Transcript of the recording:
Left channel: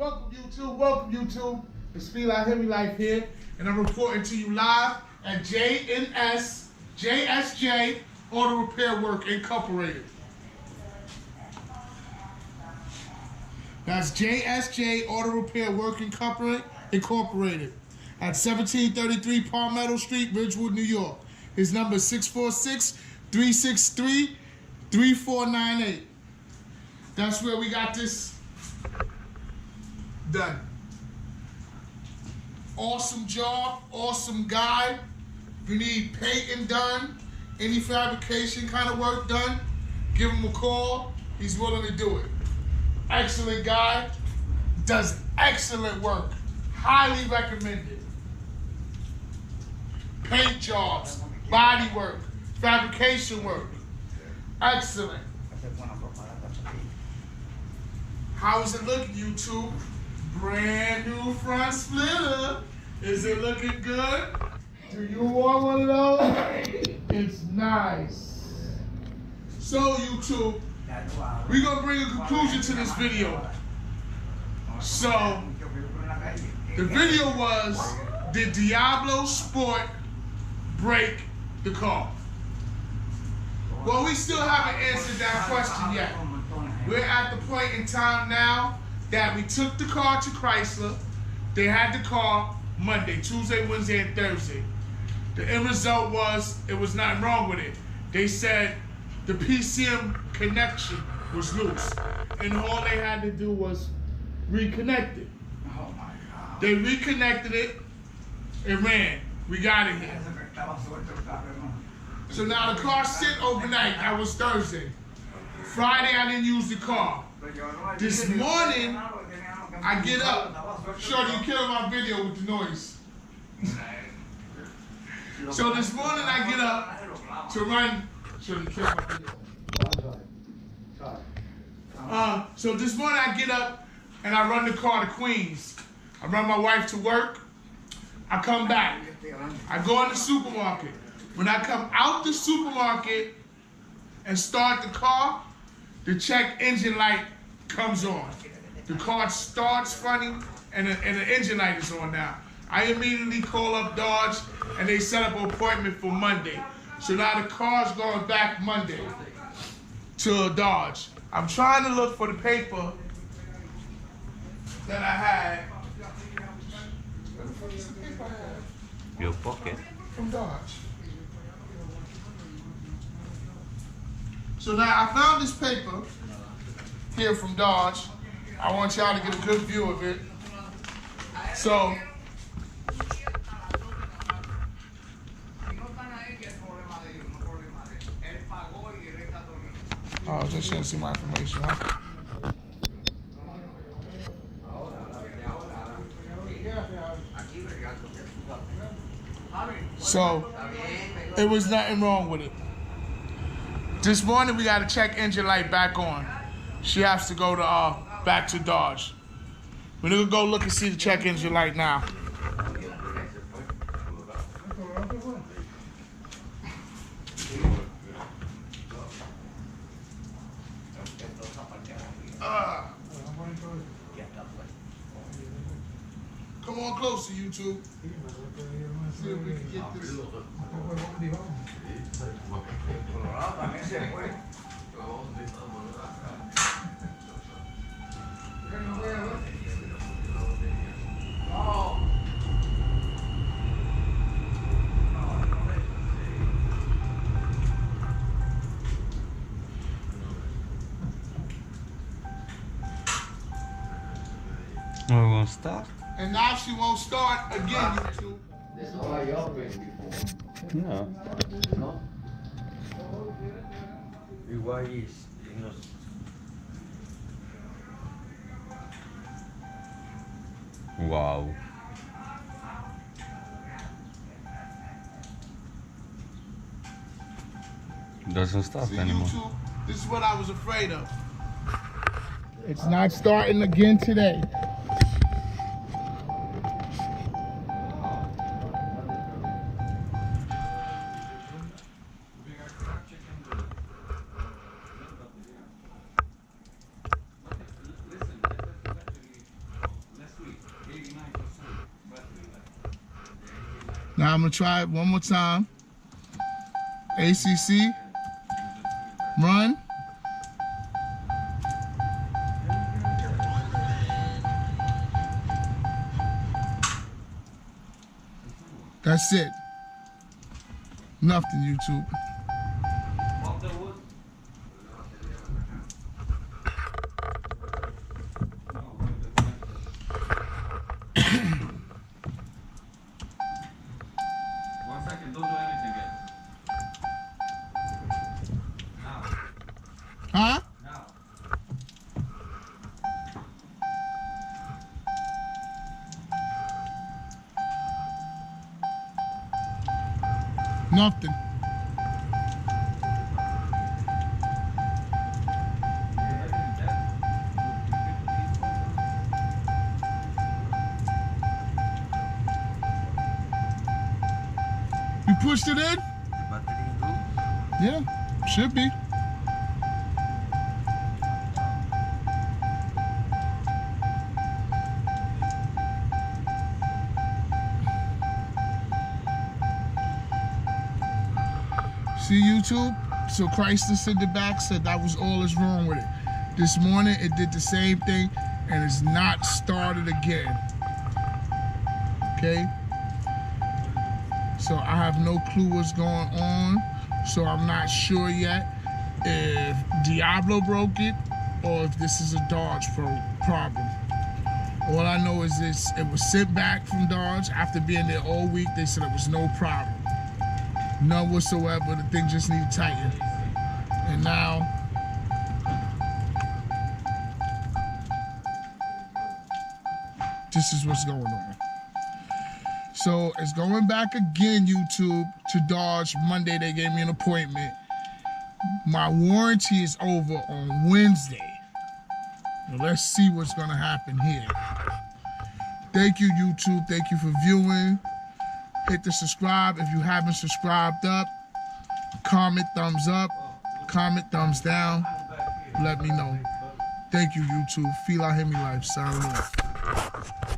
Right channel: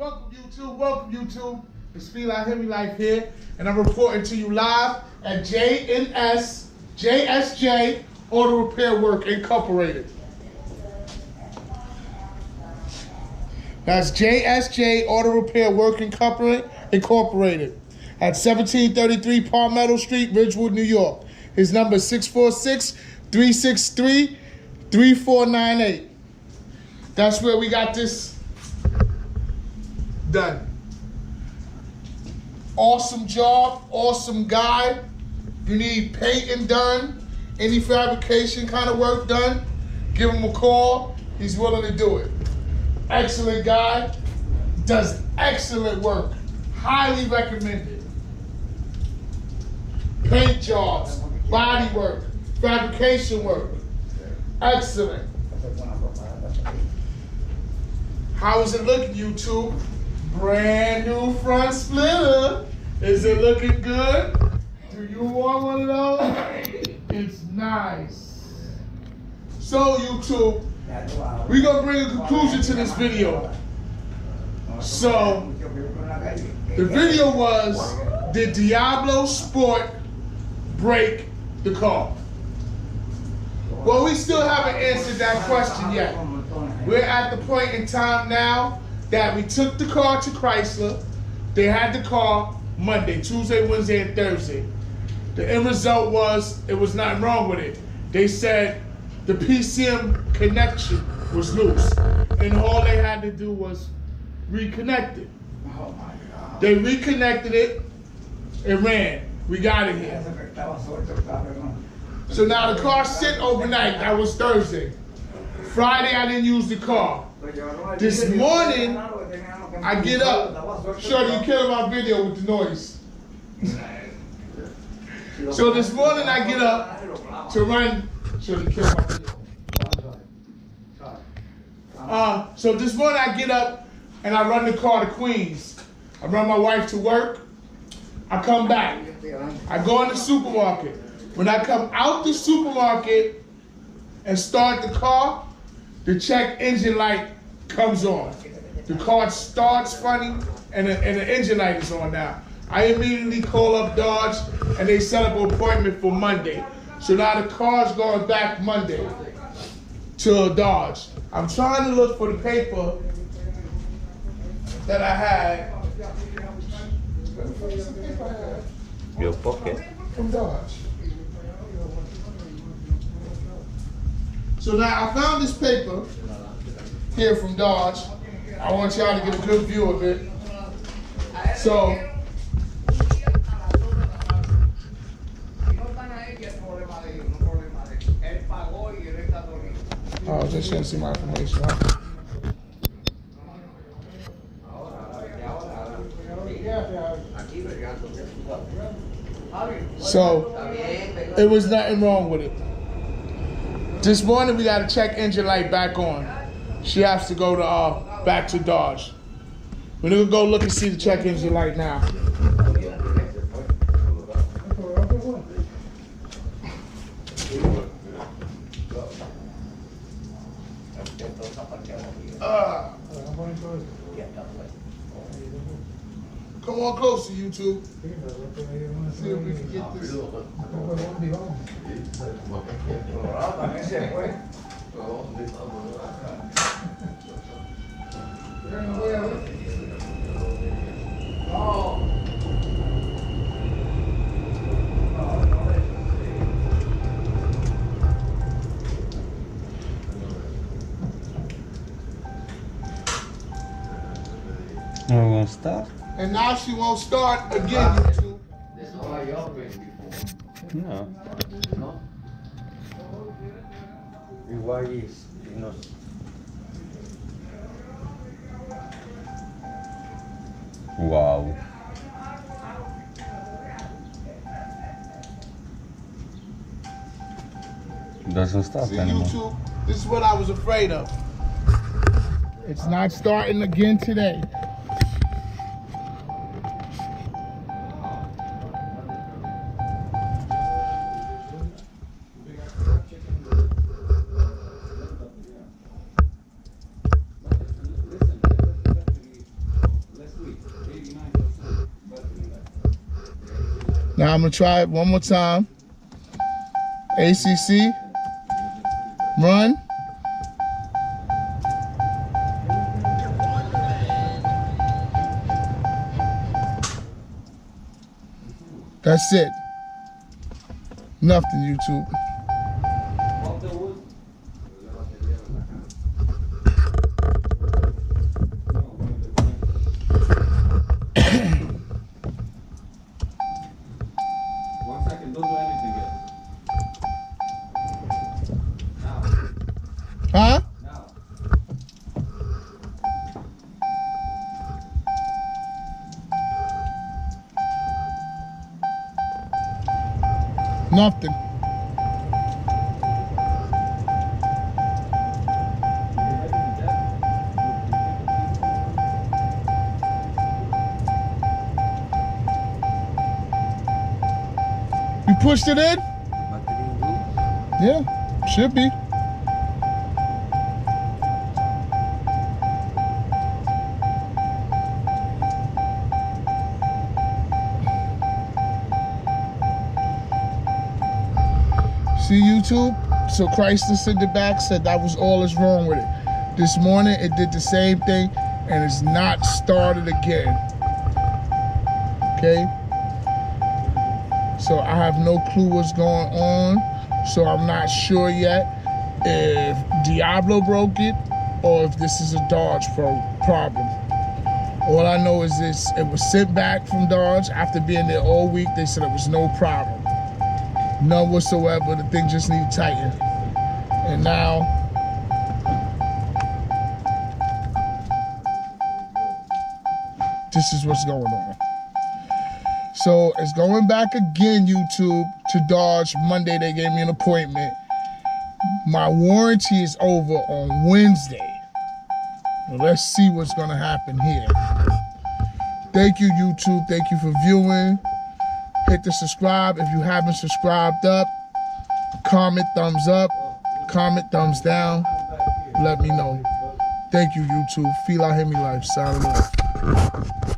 Welcome YouTube. It's Feel Heavy Life here, and I'm reporting to you live at JSJ Auto Repair Work Incorporated. That's JSJ Auto Repair Work Incorporated at 1733 Palmetto Street, Ridgewood, New York. His number is 646-363-3498. That's where we got this done. Awesome job, awesome guy. You need painting done, any fabrication kind of work done, give him a call. He's willing to do it. Excellent guy, does excellent work. Highly recommended. Paint jobs, body work, fabrication work. Excellent. How is it looking, YouTube? Brand new front splitter. Is it looking good? Do you want one of those? It's nice. So YouTube, we're gonna bring a conclusion to this video. So the video was, did DiabloSport break the car? Well, we still haven't answered that question yet. We're at the point in time now that we took the car to Chrysler. They had the car Monday, Tuesday, Wednesday, and Thursday. The end result was, it was nothing wrong with it. They said the PCM connection was loose, and all they had to do was reconnect it. Oh my God. They reconnected it, it ran. We got it here. So now the car sit overnight. That was Thursday. Friday, I didn't use the car. This morning, I get up. Shorty, you killing my video with the noise. So this morning, I get up to run. Shorty, kill my video. So this morning, I get up and I run the car to Queens. I run my wife to work. I come back. I go in the supermarket. When I come out the supermarket and start the car, the check engine light comes on. The car starts funny, and the engine light is on now. I immediately call up Dodge, and they set up an appointment for Monday. So now the car's going back Monday to Dodge. I'm trying to look for the paper that I had. Your pocket. From Dodge. So now I found this paper here from Dodge. I want y'all to get a good view of it. So, oh, just shouldn't see my information, huh? So, it was nothing wrong with it. This morning we got a check engine light back on. She has to go to back to Dodge. We're gonna go look and see the check engine light now. Come on closer, YouTube. See if we can get this. I won't start. And now she won't start again, YouTube. This is why y'all been before. No. No? Why is no? Wow. Doesn't start See, anymore. YouTube, this is what I was afraid of. It's not starting again today. Now I'm gonna try it one more time. ACC, run. That's it. Nothing, YouTube. Huh? Nothing. You pushed it in? Yeah, should be. See, YouTube? So Chrysler sent it back, said that was all that's wrong with it. This morning it did the same thing and it's not started again. Okay? So I have no clue what's going on. So I'm not sure yet if Diablo broke it or if this is a Dodge problem. All I know is this, it was sent back from Dodge. After being there all week, they said it was no problem. None whatsoever. The thing just needs tighten. And now this is what's going on. So it's going back again, YouTube, to Dodge. Monday they gave me an appointment. My warranty is over on Wednesday. Well, let's see what's gonna happen here. Thank you, YouTube. Thank you for viewing. Hit the subscribe if you haven't subscribed up. Comment thumbs up. Comment thumbs down. Let me know. Thank you, YouTube. Feel I Hear Me Life. Signing off.